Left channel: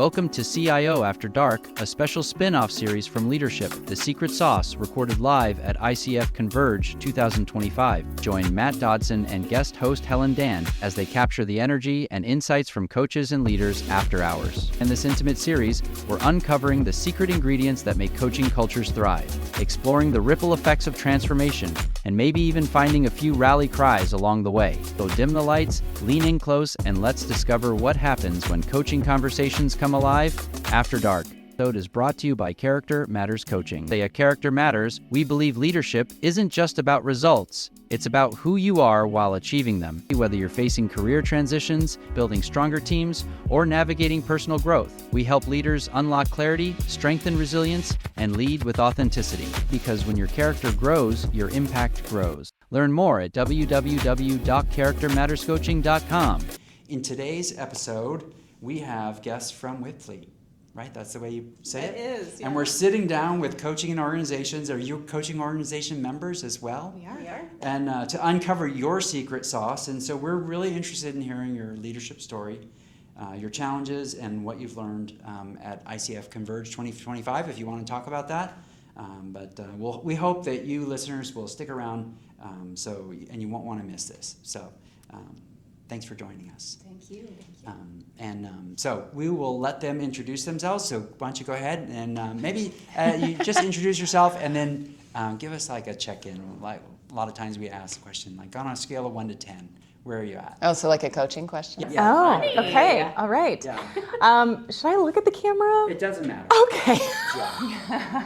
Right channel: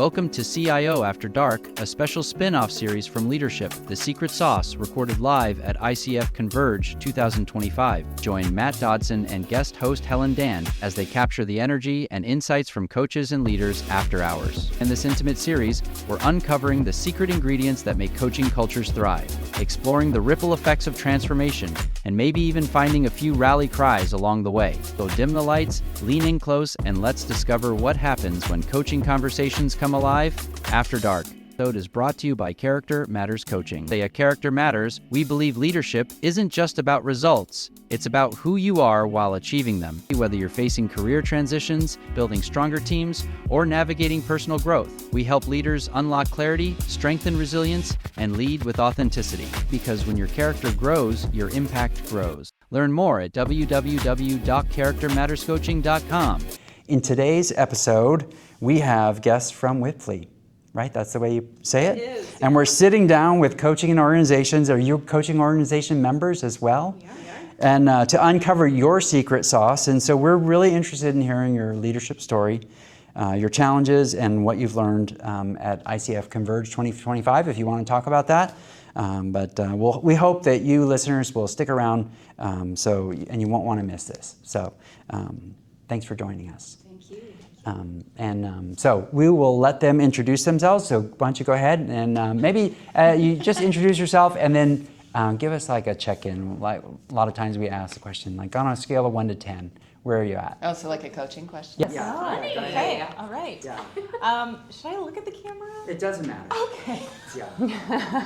Welcome to CIO After Dark, a special spin-off series from Leadership, The Secret Sauce, recorded live at ICF Converge 2025. Join Matt Dodson and guest host Helen Dan as they capture the energy and insights from coaches and leaders after hours. In this intimate series, we're uncovering the secret ingredients that make coaching cultures thrive, exploring the ripple effects of transformation, and maybe even finding a few rally cries along the way. So dim the lights, lean in close, and let's discover what happens when coaching conversations come alive after dark. This episode is brought to you by Character Matters Coaching. At Character Matters, we believe leadership isn't just about results. It's about who you are while achieving them. Whether you're facing career transitions, building stronger teams, or navigating personal growth, we help leaders unlock clarity, strengthen resilience, and lead with authenticity. Because when your character grows, your impact grows. Learn more at www.charactermatterscoaching.com. In today's episode, we have guests from Wipfli, right? That's the way you say it? It is. Yeah. And we're sitting down with coaching organizations. Are you coaching organization members as well? Yeah. And to uncover your secret sauce. And so we're really interested in hearing your leadership story, your challenges, and what you've learned at ICF Converge 2025, if you want to talk about that. We hope that you listeners will stick around and you won't want to miss this. So thanks for joining us. Thank you. So we will let them introduce themselves. So why don't you go ahead and maybe you just introduce yourself and then give us like a check-in. Like a lot of times we ask the question, like on a scale of 1 to 10, where are you at? Oh, so like a coaching question? Yeah. Oh, Funny. okay. All right. Yeah. Should I look at the camera? It doesn't matter. Okay.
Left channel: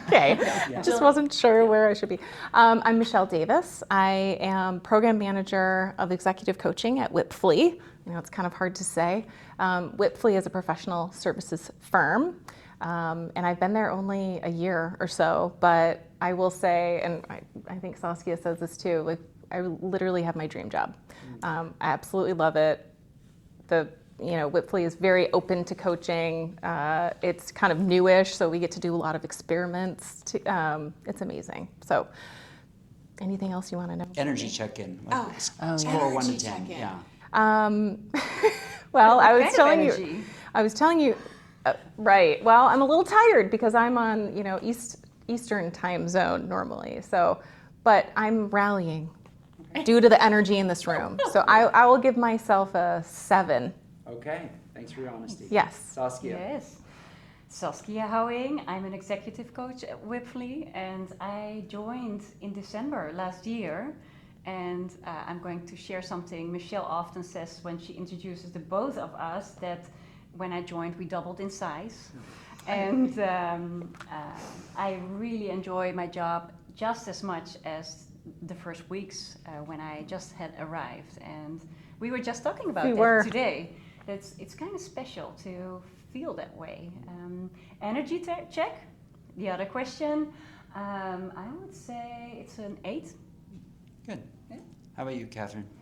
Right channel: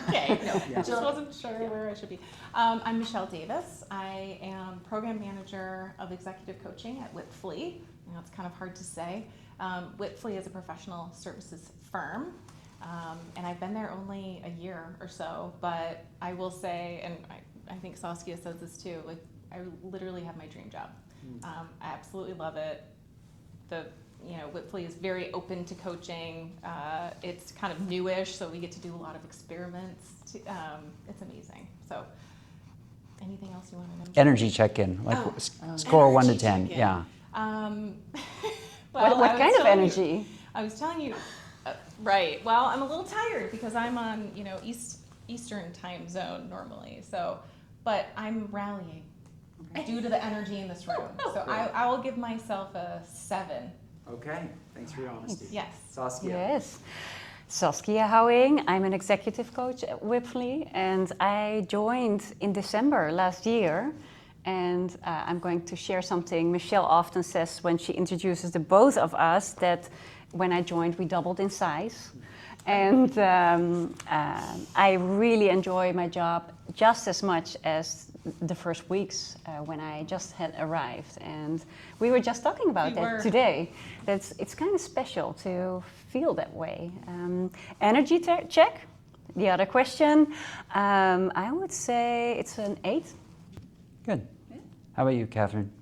Okay. I just wasn't sure where I should be. I'm Michelle Davis. I am program manager of executive coaching at Wipfli. You know, it's kind of hard to say. Wipfli is a professional services firm, and I've been there only a year or so, but I will say, and I think Saskia says this too, like I literally have my dream job. I absolutely love it. Wipfli is very open to coaching. It's kind of newish, so we get to do a lot of experiments. It's amazing. So anything else you want to know? Energy check-in, like score 1 to 10. check-in. Yeah. Well, What kind of energy? I was telling you, right. Well, I'm a little tired because I'm on, Eastern time zone normally. So, but I'm rallying due to the energy in this room. So I will give myself a 7. Okay. Thanks for your honesty. Yes. Saskia. Yes. Saskia Houwing. I'm an executive coach at Wipfli, and I joined in December last year. And I'm going to share something Michelle often says when she introduces the both of us, that when I joined, we doubled in size. And I really enjoy my job just as much as the first weeks when I just had arrived. And we were just talking about that today. It's kind of special to feel that way. Energy check, the other question. I would say it's an 8. Good. How about you, Catherine?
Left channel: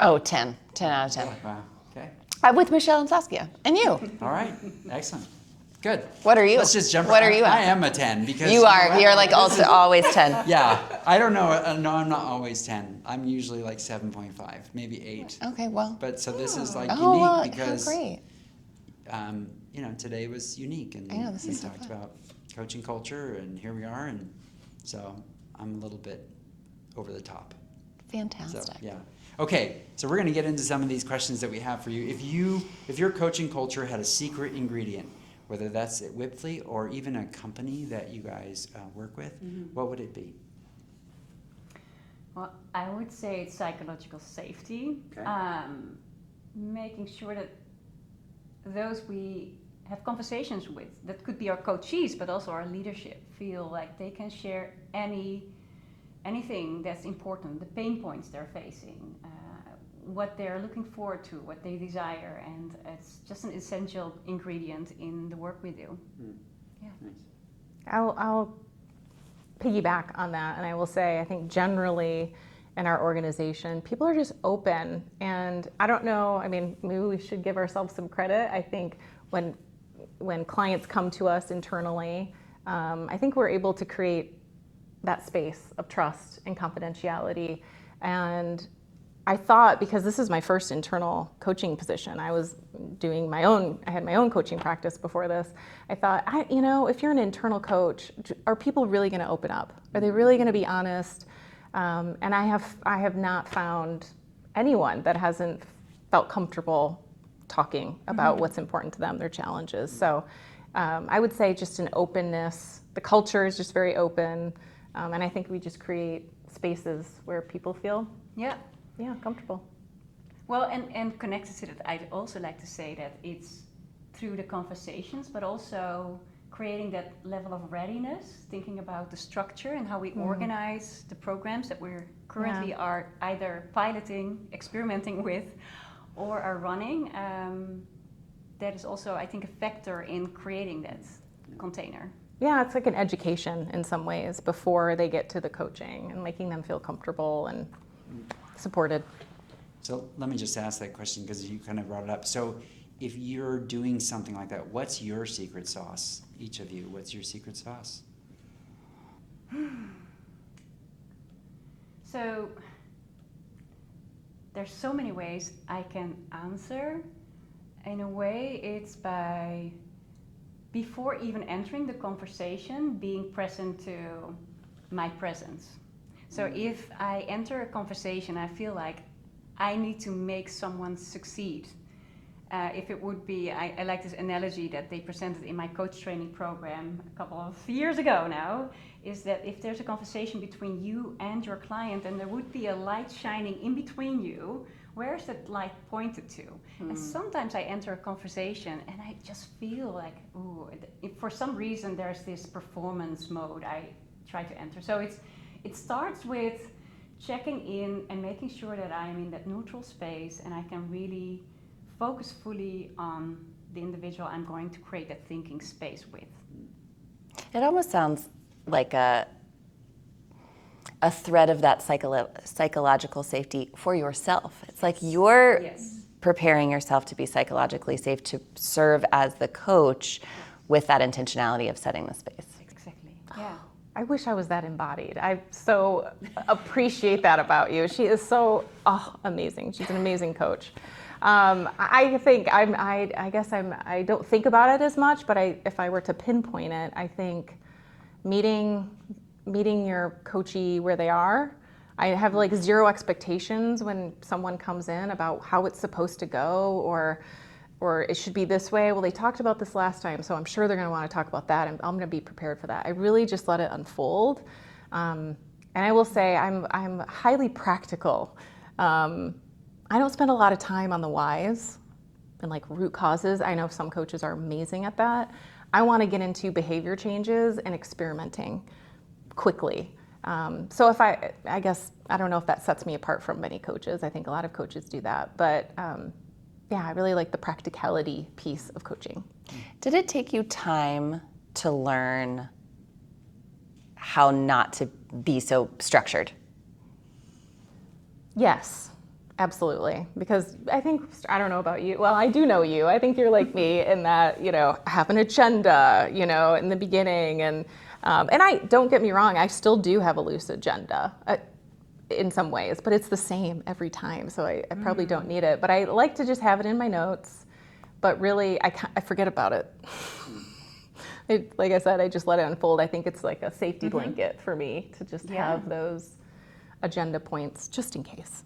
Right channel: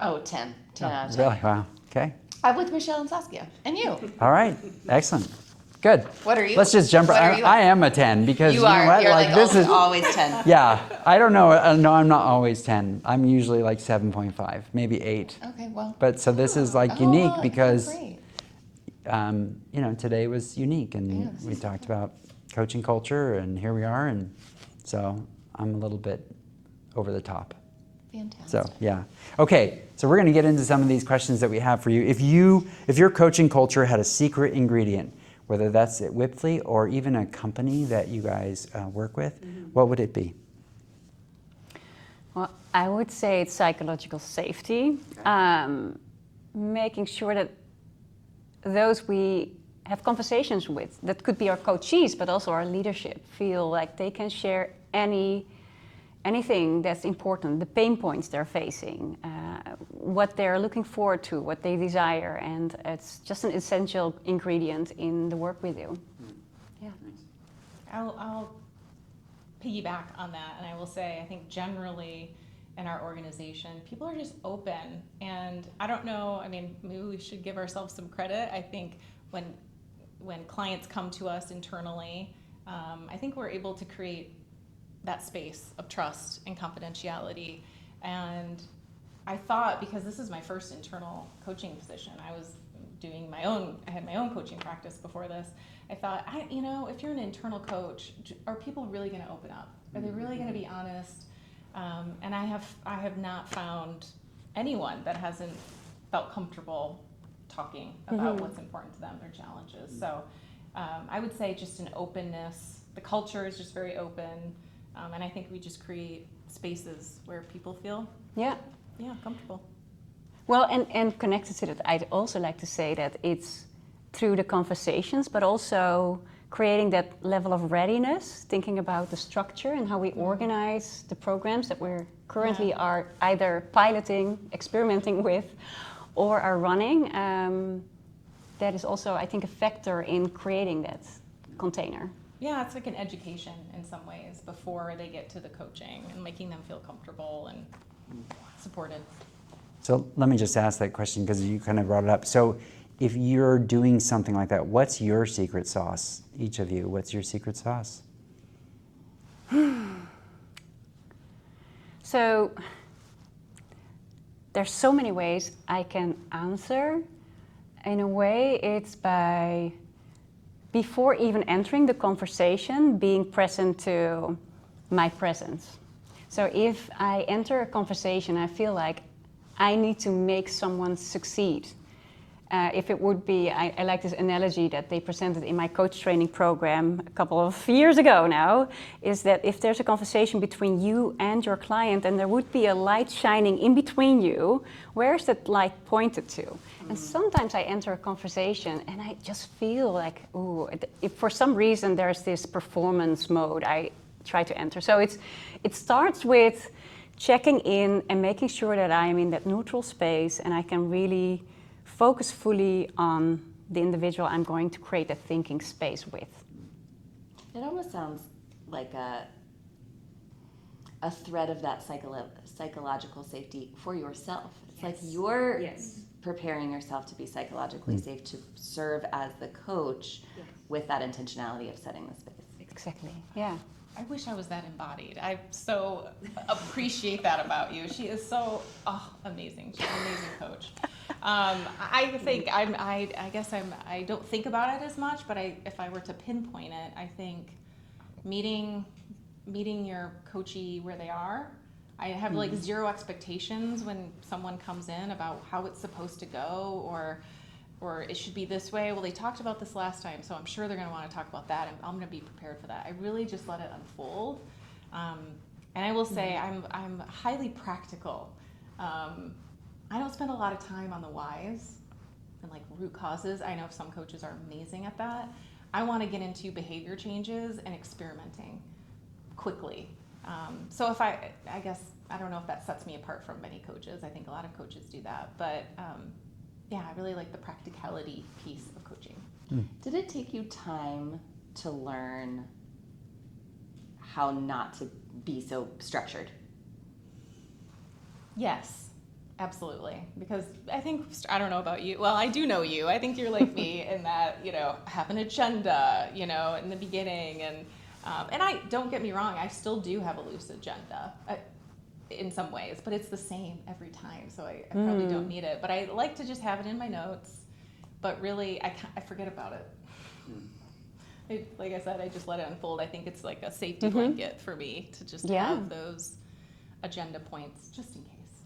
Oh, 10. 10 out of 10. Really? Wow. Okay. I'm with Michelle and Saskia. And you? All right. Excellent. Good. What are you? Let's just jump What right. are you I at? am a 10 because You know are. what? You're like this also is- always 10. Yeah. I don't know. No, I'm not always 10. I'm usually like 7.5, maybe 8. Okay, well. But so this is like Oh, unique because great. today was unique and I know, this we is so talked fun. about coaching culture and here we are, and so I'm a little bit over the top. Fantastic. So yeah. Okay, so we're going to get into some of these questions that we have for you. If your coaching culture had a secret ingredient, whether that's at Wipfli or even a company that you guys work with, what would it be? Well, I would say it's psychological safety. Making sure that those we have conversations with, that could be our coachees, but also our leadership, feel like they can share anything that's important, the pain points they're facing, what they're looking forward to, what they desire, and it's just an essential ingredient in the work we do. Yeah. I'll piggyback on that, and I will say I think generally in our organization, people are just open, and I don't know, I mean, maybe we should give ourselves some credit. I think when clients come to us internally, I think we're able to create that space of trust and confidentiality. And I thought, because this is my first internal coaching position, I was doing I had my own coaching practice before this. I thought, if you're an internal coach, are people really going to open up? Are they really going to be honest? And I have not found anyone that hasn't felt comfortable talking about what's important to them, their challenges. So I would say just an openness. The culture is just very open, and I think we just create spaces where people feel comfortable. Well, and connected to that, I'd also like to say that it's through the conversations, but also creating that level of readiness, thinking about the structure and how we organize the programs that we're currently are either piloting, experimenting with, or are running. That is also, I think, a factor in creating that container. Yeah, it's like an education in some ways before they get to the coaching and making them feel comfortable and supported. So let me just ask that question because you kind of brought it up. So if you're doing something like that, what's your secret sauce? Each of you, what's your secret sauce? So there's so many ways I can answer. In a way, it's by, before even entering the conversation, being present to my presence. So if I enter a conversation, I feel like I need to make someone succeed. If it would be, I like this analogy that they presented in my coach training program a couple of years ago now, is that if there's a conversation between you and your client and there would be a light shining in between you, where's that light pointed to? And sometimes I enter a conversation and I just feel like, ooh, if for some reason there's this performance mode I try to enter. So it starts with checking in and making sure that I am in that neutral space and I can really focus fully on the individual I'm going to create that thinking space with. It almost sounds like a thread of that psychological safety for yourself. It's like you're preparing yourself to be psychologically safe to serve as the coach with that intentionality of setting the space. Exactly, yeah. I wish I was that embodied. I so appreciate that about you. She is so amazing. She's an amazing coach. I think I don't think about it as much, but if I were to pinpoint it, I think meeting your coachee where they are. I have like zero expectations when someone comes in about how it's supposed to go or it should be this way. Well, they talked about this last time, so I'm sure they're going to want to talk about that, and I'm going to be prepared for that. I really just let it unfold. And I will say I'm highly practical. I don't spend a lot of time on the whys and like root causes. I know some coaches are amazing at that. I want to get into behavior changes and experimenting quickly. So if I guess, I don't know if that sets me apart from many coaches. I think a lot of coaches do that. But I really like the practicality piece of coaching. Did it take you time to learn how not to be so structured? Yes, absolutely. Because I think, I don't know about you. Well, I do know you. I think you're like me in that, have an agenda, in the beginning. And I, don't get me wrong, I still do have a loose agenda in some ways, but it's the same every time. So I probably don't need it. But I like to just have it in my notes. But really, I forget about it. Like I said, I just let it unfold. I think it's like a safety blanket for me to just have those agenda points just in case.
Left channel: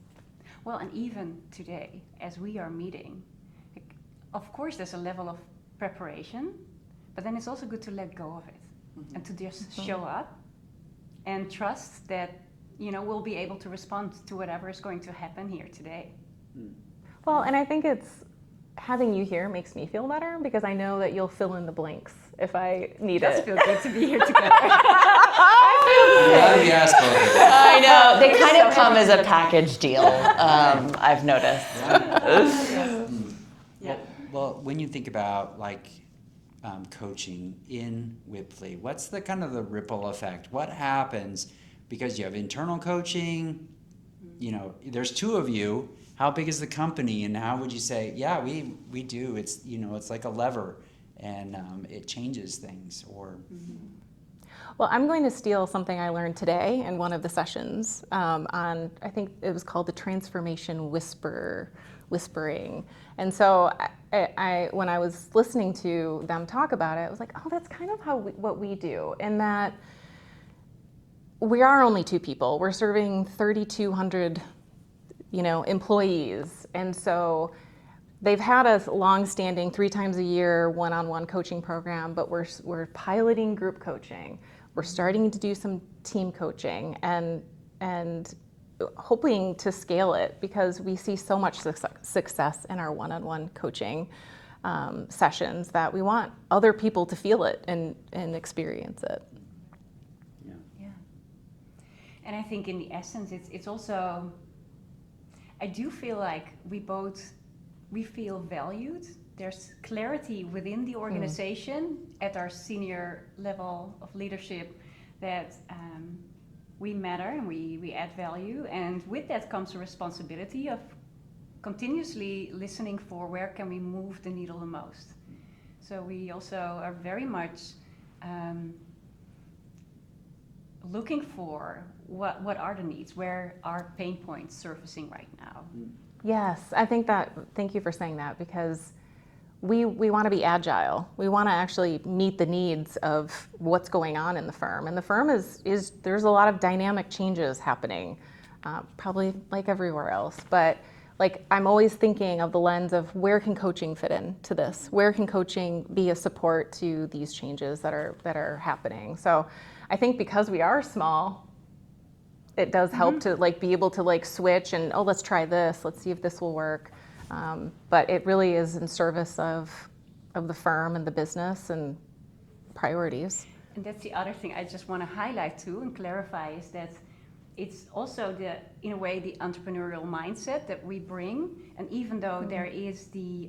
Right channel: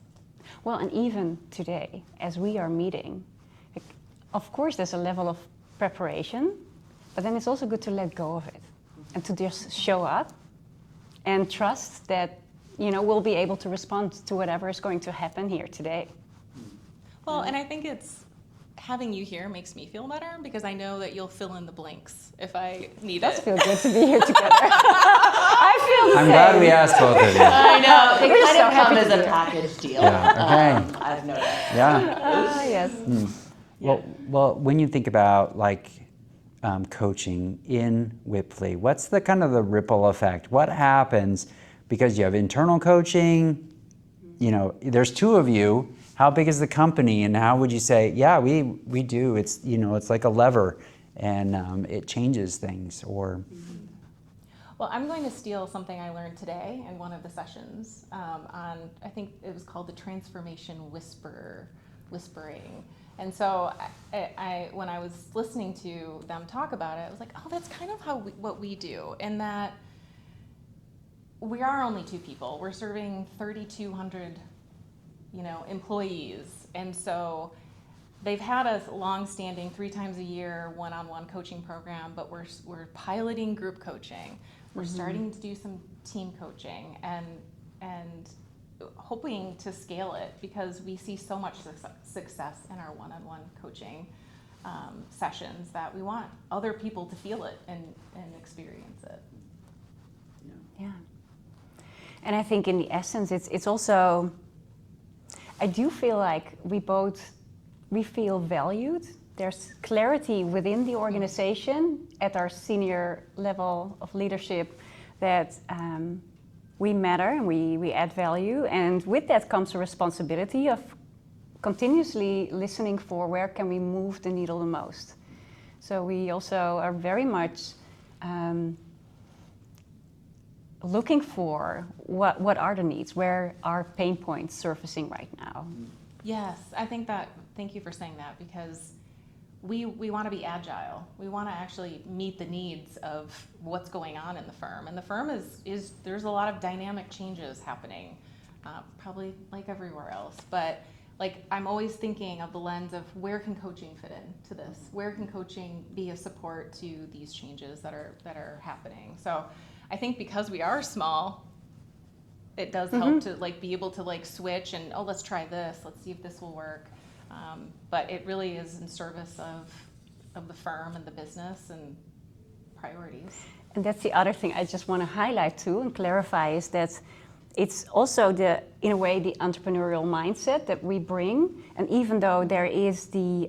Well, and even today, as we are meeting, of course there's a level of preparation, but then it's also good to let go of it and to just show up and trust that, we'll be able to respond to whatever is going to happen here today. Well, and I think it's having you here makes me feel better because I know that you'll fill in the blanks if I need it. It feels good to be here together. I'm glad we asked both of you. I know, they kind of come as a package deal, I've noticed. Yeah. Well, when you think about coaching in Wipfli, what's the kind of the ripple effect? What happens because you have internal coaching? There's two of you. How big is the company, and how would you say, we do? It's it's like a lever, and it changes things. Or well, I'm going to steal something I learned today in one of the sessions on, I think it was called the transformation whisper whispering. And so when I was listening to them talk about it, I was like, oh, that's kind of what we do. And that we are only two people. We're serving 3,200, employees. And so they've had a long-standing 3 times a year one-on-one coaching program, but we're piloting group coaching. We're starting to do some team coaching and hoping to scale it because we see so much success in our one-on-one coaching sessions that we want other people to feel it and experience it. Yeah. And I think in the essence, it's also, I do feel like we feel valued. There's clarity within the organization at our senior level of leadership that we matter and we add value. And with that comes a responsibility of continuously listening for where can we move the needle the most. So we also are very much looking for what are the needs, where are pain points surfacing right now. Yes, thank you for saying that, because we want to be agile. We want to actually meet the needs of what's going on in the firm. And the firm is there's a lot of dynamic changes happening, probably like everywhere else. But I'm always thinking of the lens of where can coaching fit into this? Where can coaching be a support to these changes that are happening? So I think because we are small, it does help to be able to switch and, let's try this. Let's see if this will work. But it really is in service of the firm and the business and priorities. And that's the other thing I just want to highlight too and clarify is that it's also in a way, the entrepreneurial mindset that we bring. And even though there is the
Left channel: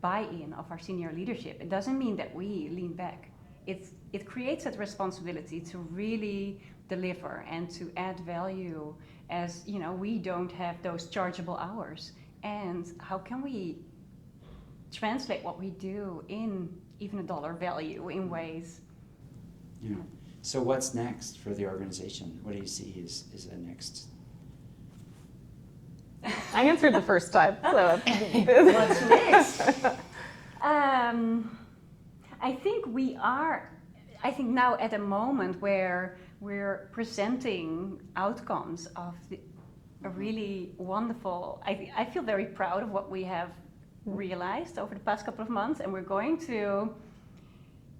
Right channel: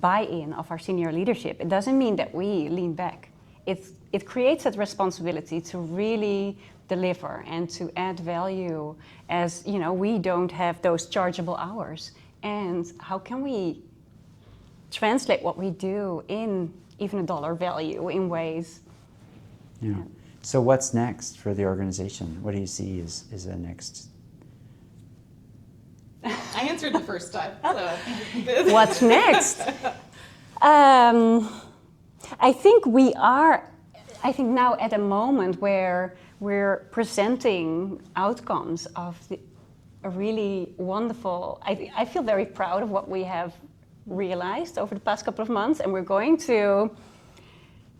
buy-in of our senior leadership, it doesn't mean that we lean back. It creates that responsibility to really deliver and to add value as, we don't have those chargeable hours. And how can we translate what we do in even a dollar value in ways? Yeah. So what's next for the organization? What do you see is the next? I answered the first time. So. What's next? I think now at a moment where we're presenting outcomes of a really wonderful, I feel very proud of what we have realized over the past couple of months, and we're going to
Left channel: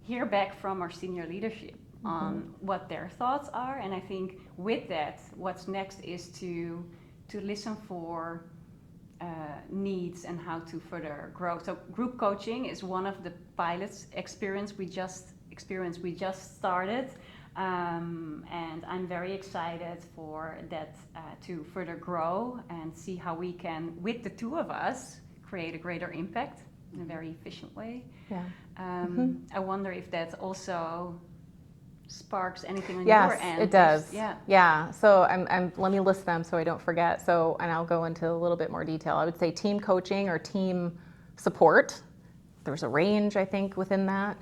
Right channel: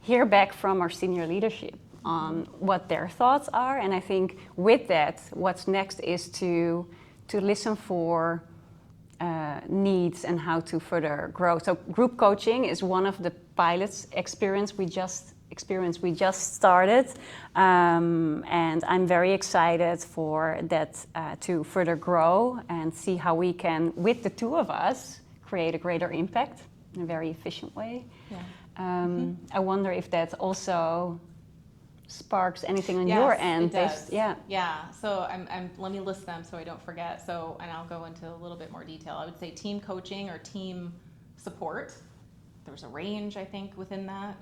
hear back from our senior leadership on what their thoughts are. And I think with that, what's next is to listen for needs and how to further grow. So group coaching is one of the pilots experience we just started, and I'm very excited for that to further grow and see how we can, with the two of us, create a greater impact in a very efficient way. Yeah. I wonder if that also sparks anything on yes, your end. It does. Yeah. So let me list them so I don't forget. So, and I'll go into a little bit more detail. I would say team coaching or team support. There's a range, I think, within that.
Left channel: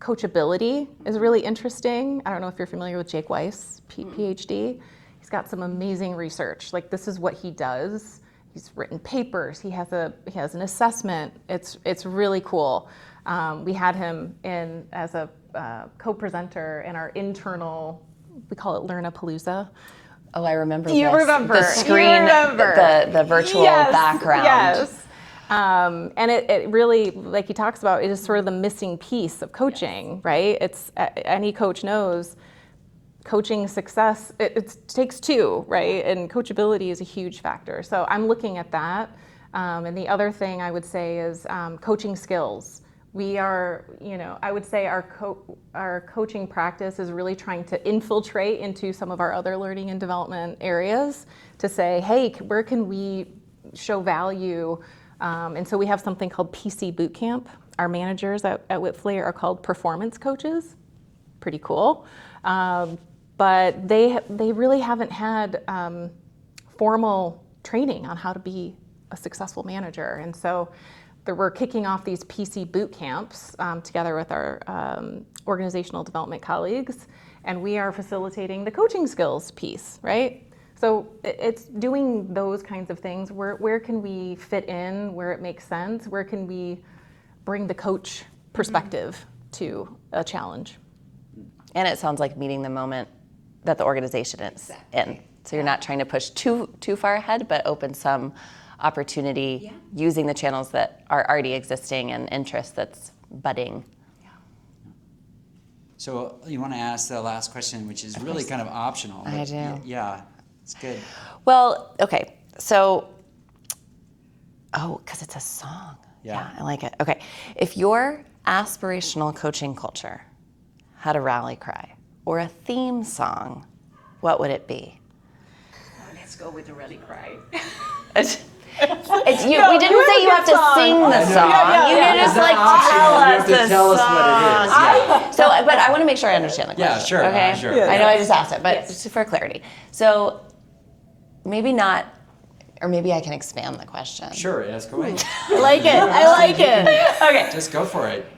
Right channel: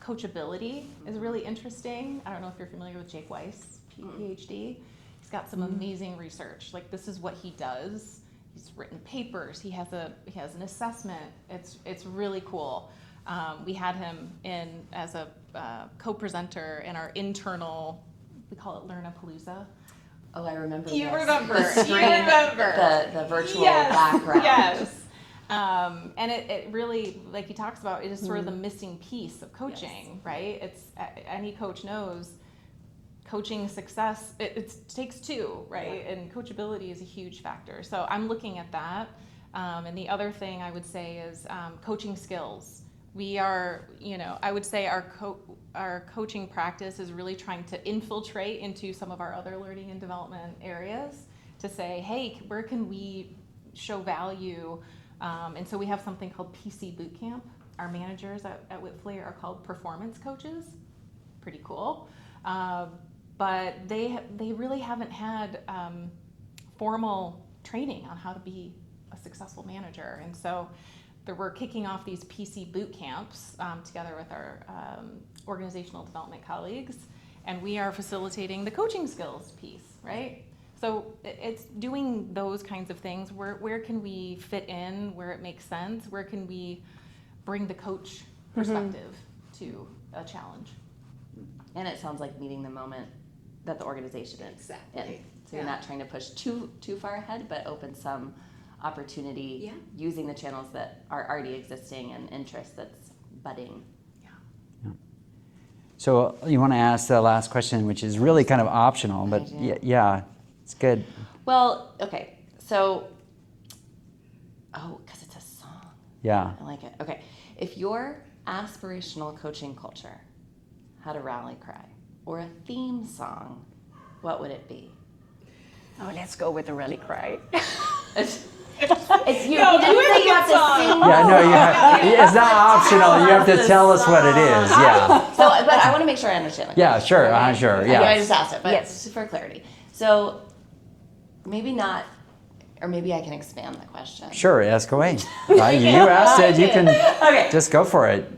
Coachability is really interesting. I don't know if you're familiar with Jake Weiss, PhD. He's got some amazing research. This is what he does. He's written papers. He has an assessment. It's really cool. We had him in as a co-presenter in our internal, we call it Learn-a-Palooza. Oh, I remember You this. remember. The screen, the virtual background. Yes. And it really, like he talks about, it is sort of the missing piece of coaching, right? It's any coach knows coaching success, it takes two, right? And coachability is a huge factor. So I'm looking at that. And the other thing I would say is coaching skills. We are, I would say our coaching practice is really trying to infiltrate into some of our other learning and development areas to say, hey, where can we show value? And so we have something called PC Bootcamp. Our managers at Wipfli are called performance coaches. Pretty cool. But they really haven't had formal training on how to be a successful manager. And so we're kicking off these PC boot camps together with our organizational development colleagues, and we are facilitating the coaching skills piece, right? So it's doing those kinds of things. Where can we fit in, where it makes sense? Where can we bring the coach perspective to a challenge? And it sounds like meeting the moment that the organization is in. So you're not trying to push too far ahead, but open some opportunity using the channels that are already existing and interest that's budding. So you want to ask the last question, which is really kind of optional, but I do. yeah, it's good. Well, okay, so, because it's a song. Yeah. I like it. Okay, if your aspirational coaching culture had a rally cry or a theme song, what would it be? Oh, let's go with the rally cry. We didn't say you have to sing the song. It's not optional. You have to tell us what it is. Yeah. So, but I want to make sure I understand the question. Yeah, sure. Okay? Sure. I Yeah. know I just asked it, but just for clarity. So, maybe not, or maybe I can expand the question. Sure, ask away. I like it. You I asked like you it. can just go for it.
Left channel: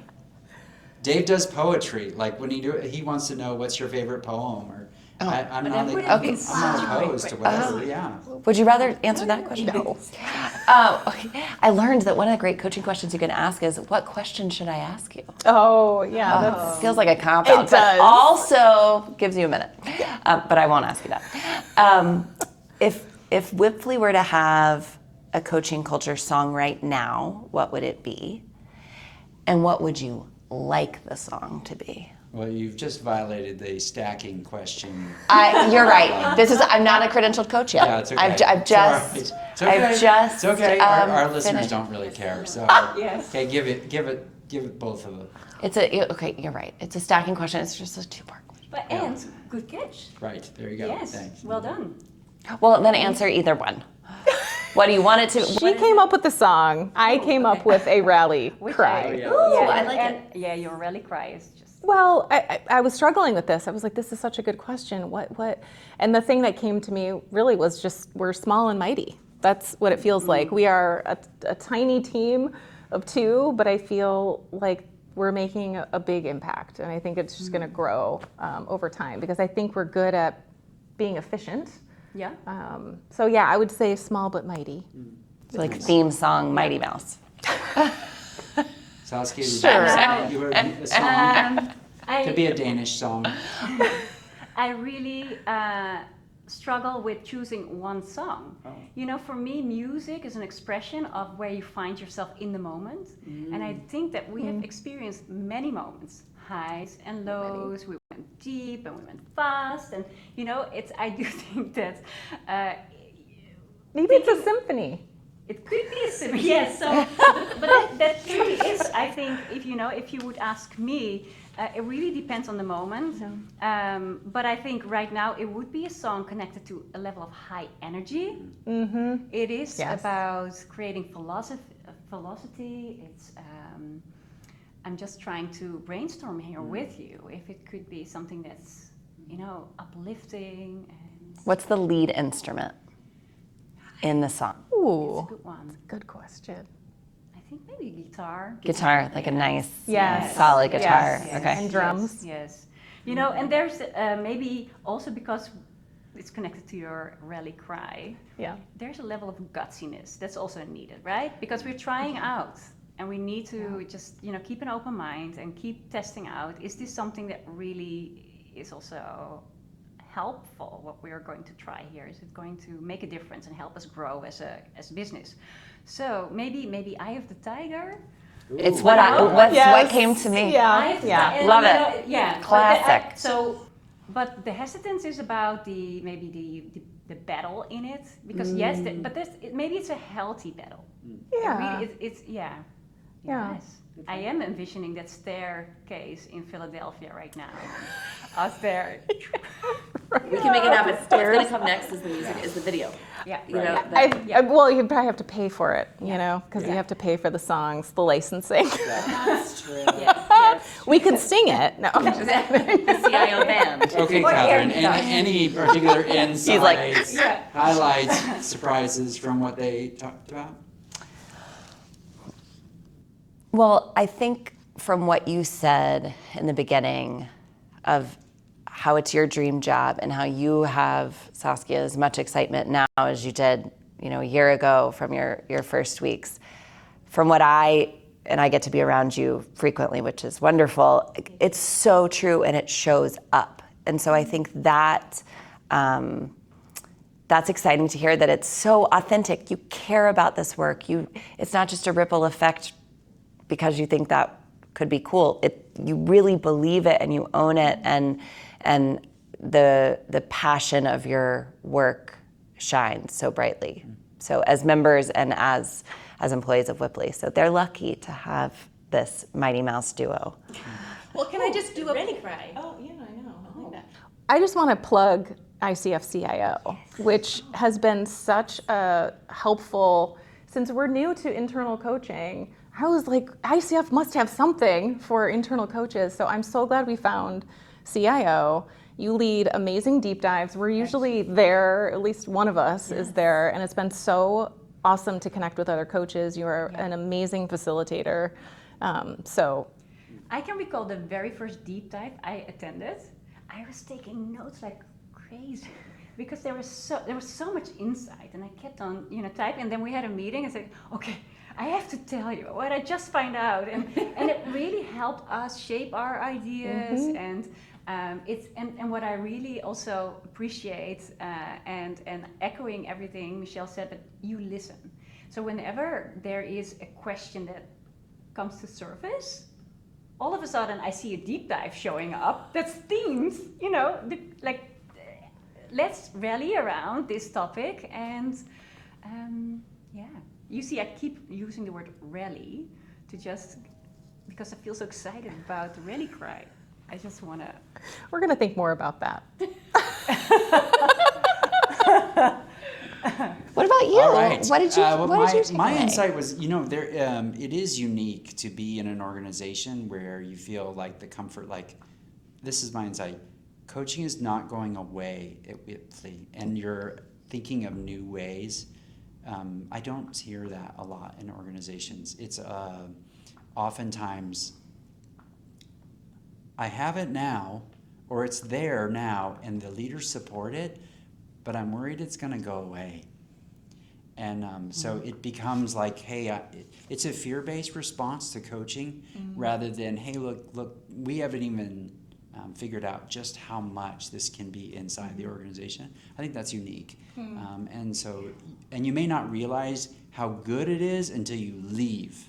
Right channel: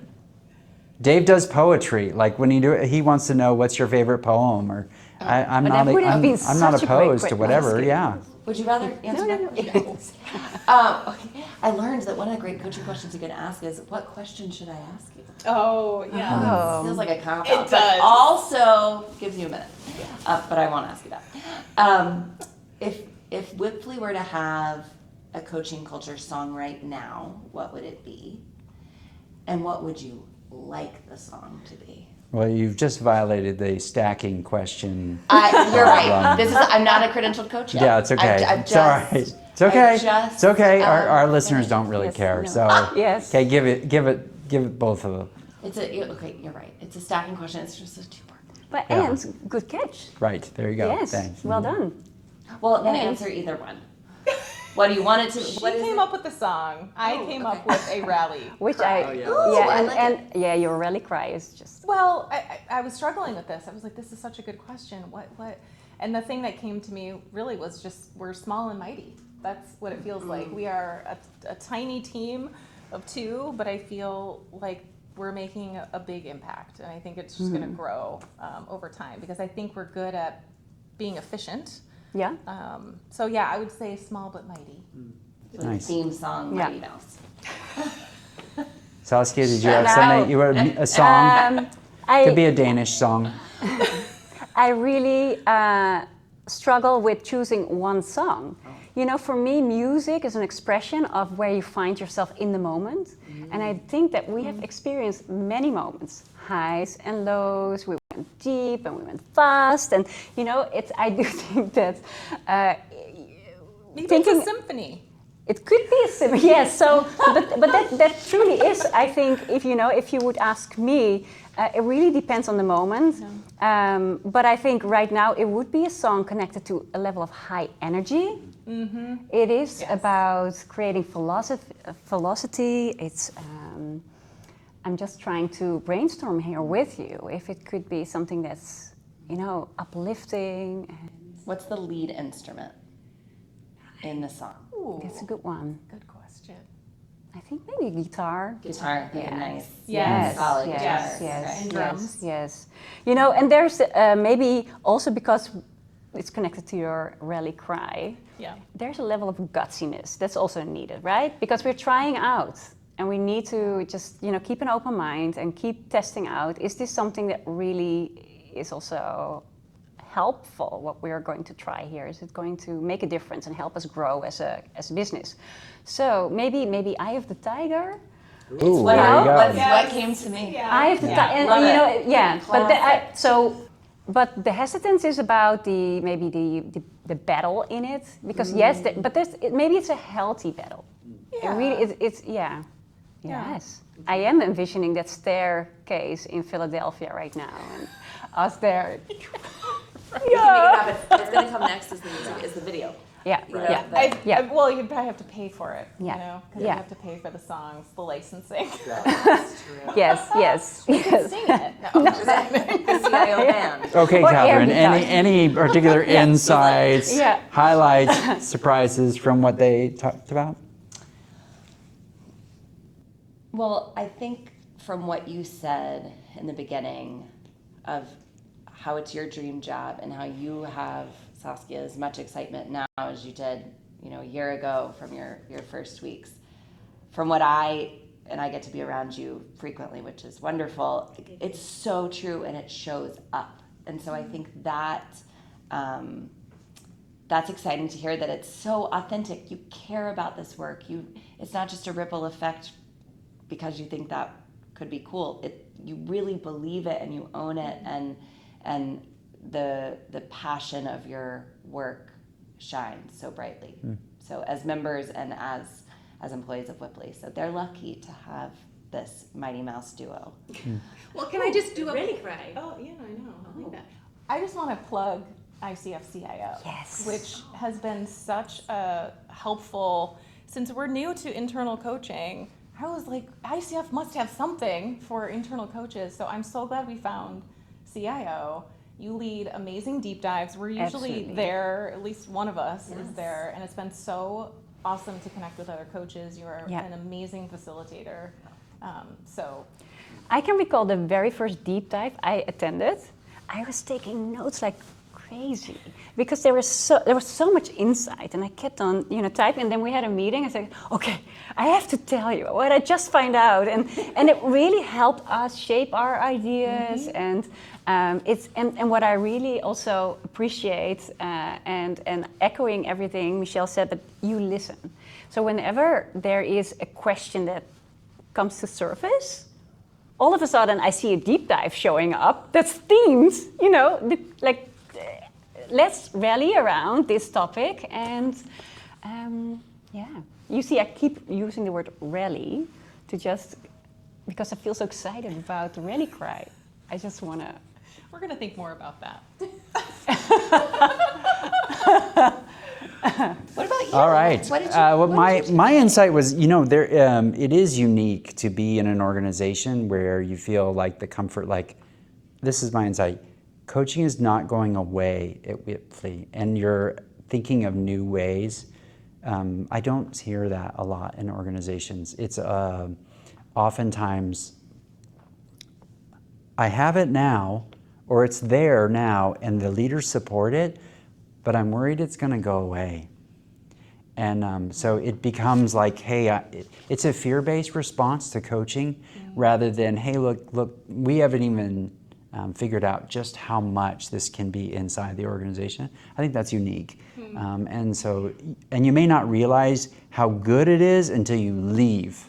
Dave does poetry. Like when he wants to know what's your favorite poem, or I'm that not. would have been I'm not such a great opposed to whatever. question. Yeah. Would you rather answer that question? No. Okay. I learned that one of the great coaching questions you can ask is, what question should I ask you? Oh, yeah. Feels like a cop-out, It but does. also gives you a minute. But I won't ask you that. If Wipfli were to have a coaching culture song right now, what would it be? And what would you like the song to be? Well, you've just violated the stacking question. You're right. I'm not a credentialed coach yet. Yeah, it's okay. I've It's all right. just. It's okay. I've just, It's okay. Our listeners finished. don't really care. So Yes. okay, give it both of them. Okay. You're right. It's a stacking question. It's just a two-part question. But Yeah. and good catch. Right there you go. Yes, Thanks. well done. Well, then answer either one. What do you want it to? She came up with the song. I came up with a rally cry. I like and yeah, your rally cry is just. Well, I was struggling with this. I was like, this is such a good question. What? And the thing that came to me really was just, we're small and mighty. That's what it feels like. We are a tiny team of two, but I feel like we're making a big impact. And I think it's just going to grow over time, because I think we're good at being efficient. Yeah. So yeah, I would say small but mighty. Like Nice. theme song, Mighty Mouse. Saskia, did you have something? You wrote a song? Could be a Danish song. I really struggle with choosing one song. You know, for me, music is an expression of where you find yourself in the moment. And I think that we have experienced many moments, highs and lows. We went deep and we went fast. And, you know, I do think that Maybe it's a symphony. it could be a symphony. Yes, so, but that truly is, I think, if you would ask me, it really depends on the moment. But I think right now it would be a song connected to a level of high energy. Mm-hmm. It is about creating velocity. It's, I'm just trying to brainstorm here with you if it could be something that's, uplifting. What's the lead instrument in the song? It's a good one. Good question. I think maybe guitar. Guitar, like a nice, Yes. solid Yes. guitar. Yes. Okay. And drums. Yes. And there's maybe also because it's connected to your rally cry, Yeah. there's a level of gutsiness that's also needed, right? Because we're trying out and we need to just, keep an open mind and keep testing out. Is this something that really is also helpful, what we are going to try here? Is it going to make a difference and help us grow as a business? So maybe Eye of the Tiger. It's Ooh, what yeah. what came to me. Yeah. Eye of the Tiger. Love it. Yeah. Classic. But the hesitance is about the battle in it, because maybe it's a healthy battle. Yeah. It really, it's Yeah. Yes. I am envisioning that staircase in Philadelphia right now. Us there. You can make it happen. What's going to come next is the music, is the video. Yeah. You know, Yeah. Well, you'd probably have to pay for it, because you Yeah. have to pay for the songs, the licensing. That's true. Yes. We could sing it. No. The CIO band. Okay, Or Catherine. every time. Any particular insights, Yeah. highlights, surprises from what they talked about? Well, I think from what you said in the beginning of how it's your dream job and how you have, Saskia, as much excitement now as you did, a year ago from your first weeks. From what I get to be around you frequently, which is wonderful, it's so true and it shows up. And so I think that that's exciting to hear, that it's so authentic. You care about this work. It's not just a ripple effect because you think that could be cool. You really believe it and you own it, and the passion of your work shines so brightly. So as members and as employees of Wipfli. So they're lucky to have this Mighty Mouse duo. Well, can I just do a really cry? Oh, yeah, I know. I like that. I just want to plug ICF CIO, which has been such a helpful, since we're new to internal coaching, I was like, ICF must have something for internal coaches. So I'm so glad we found CIO. You lead amazing deep dives. We're usually there, at least one of us is there, and it's been so awesome to connect with other coaches. You are an amazing facilitator. So I can recall the very first deep dive I attended. I was taking notes like crazy because there was so much insight, and I kept on typing. And then we had a meeting and said, "Okay, I have to tell you what I just find out," and it really helped us shape our ideas. And and what I really also appreciate, and echoing everything Michelle said, but you listen. So whenever there is a question that comes to surface, all of a sudden I see a deep dive showing up that's themes, like let's rally around this topic. And you see, I keep using the word rally because I feel so excited about the rally cry. I just want to. We're going to think more about that. What about you? All right. What did you my insight was, it is unique to be in an organization where you feel like the comfort, like, this is my insight. Coaching is not going away at Wipfli, and you're thinking of new ways. I don't hear that a lot in organizations. It's oftentimes, I have it now, or it's there now, and the leaders support it, but I'm worried it's going to go away. And so it becomes like, hey, it's a fear-based response to coaching, rather than, hey, look, we haven't even figured out just how much this can be inside the organization. I think that's unique. And you may not realize how good it is until you leave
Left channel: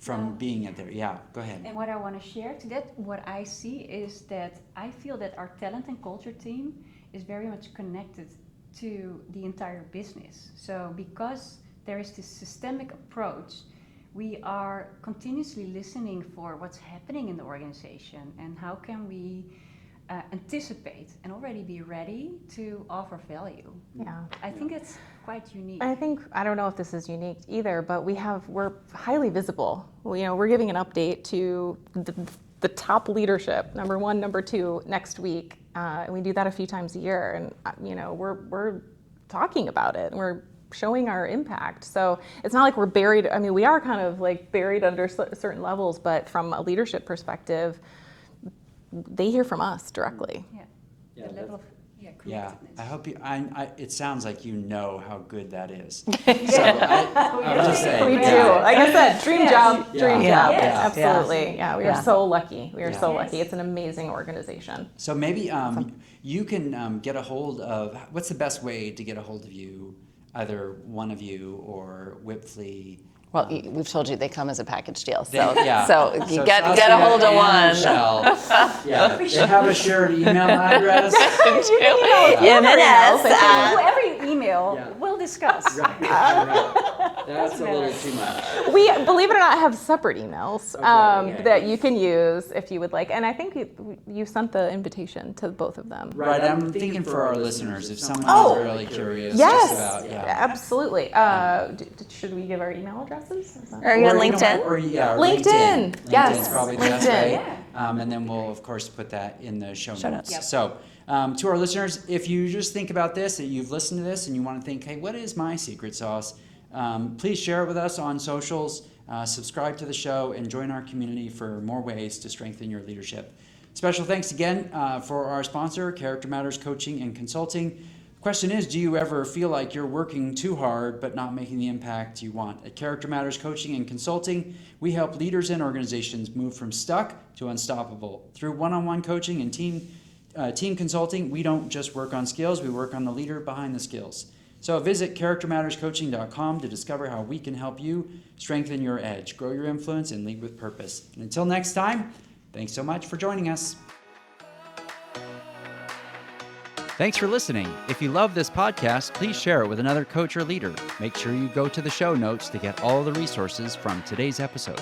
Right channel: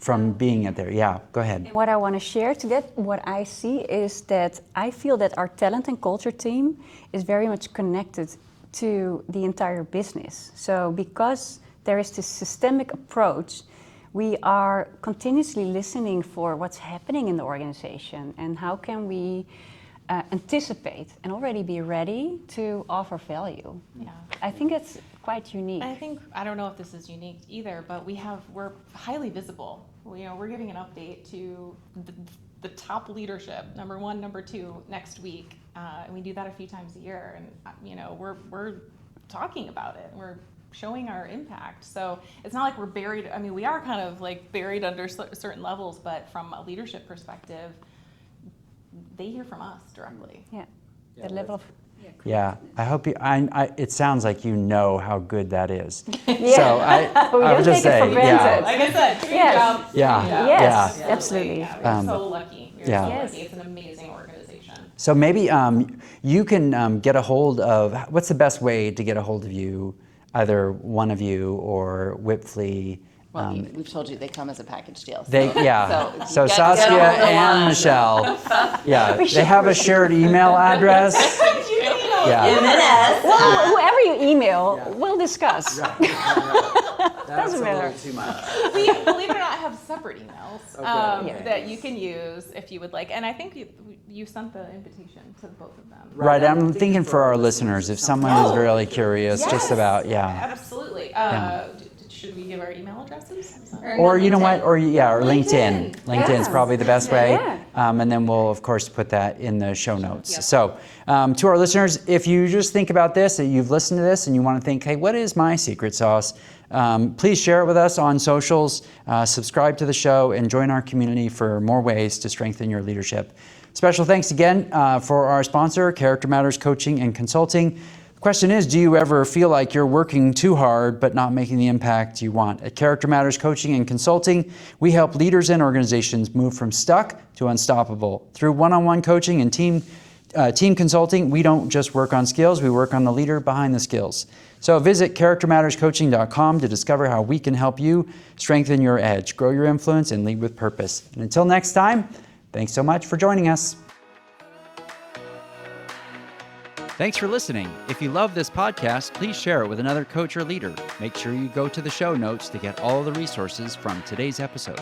from being there. Yeah, go ahead. What I want to share to that, what I see is that I feel that our talent and culture team is very much connected to the entire business. So because there is this systemic approach, we are continuously listening for what's happening in the organization and how can we anticipate and already be ready to offer value. Yeah. I think it's quite unique. I don't know if this is unique either, but we're highly visible. We're giving an update to the top leadership, number 1, number 2, next week. And we do that a few times a year, and we're talking about it. We're showing our impact. So it's not like we're buried. I mean, we are kind of like buried under certain levels, but from a leadership perspective, they hear from us directly. Yeah, that level of. Yeah, I hope you. It sounds like you know how good that is. So I would just say, Like I said, dream job. Yes, Absolutely. Yeah, we are so lucky. We are so Yes. lucky. It's an amazing organization. So maybe you can get a hold of. What's the best way to get a hold of you? Either one of you or Wipfli. Well, we've told you they come as a package deal. So get Saskia a hold of and Michelle. They have a shared email address. Whoever you email, we'll discuss. That's Doesn't matter. too much. We, believe it or not, have separate emails that you can use if you would like. And I think you sent the invitation to both of them. Right, I'm thinking for our listeners, if someone is really curious just about, Absolutely. Should we give our email addresses? Or you on you know LinkedIn. what, or LinkedIn. Yes. LinkedIn is probably the best way. Yeah. And then we'll, of course, put that in the show notes. So to our listeners, if you just think about this, that you've listened to this and you want to think, hey, what is my secret sauce? Please share it with us on socials, subscribe to the show, and join our community for more ways to strengthen your leadership. Special thanks again for our sponsor, Character Matters Coaching and Consulting. The question is, do you ever feel like you're working too hard but not making the impact you want? At Character Matters Coaching and Consulting, we help leaders and organizations move from stuck to unstoppable. Through one-on-one coaching and team consulting, we don't just work on skills, we work on the leader behind the skills. So visit charactermatterscoaching.com to discover how we can help you strengthen your edge, grow your influence, and lead with purpose. And until next time, thanks so much for joining us. Thanks for listening. If you love this podcast, please share it with another coach or leader. Make sure you go to the show notes to get all the resources from today's episode.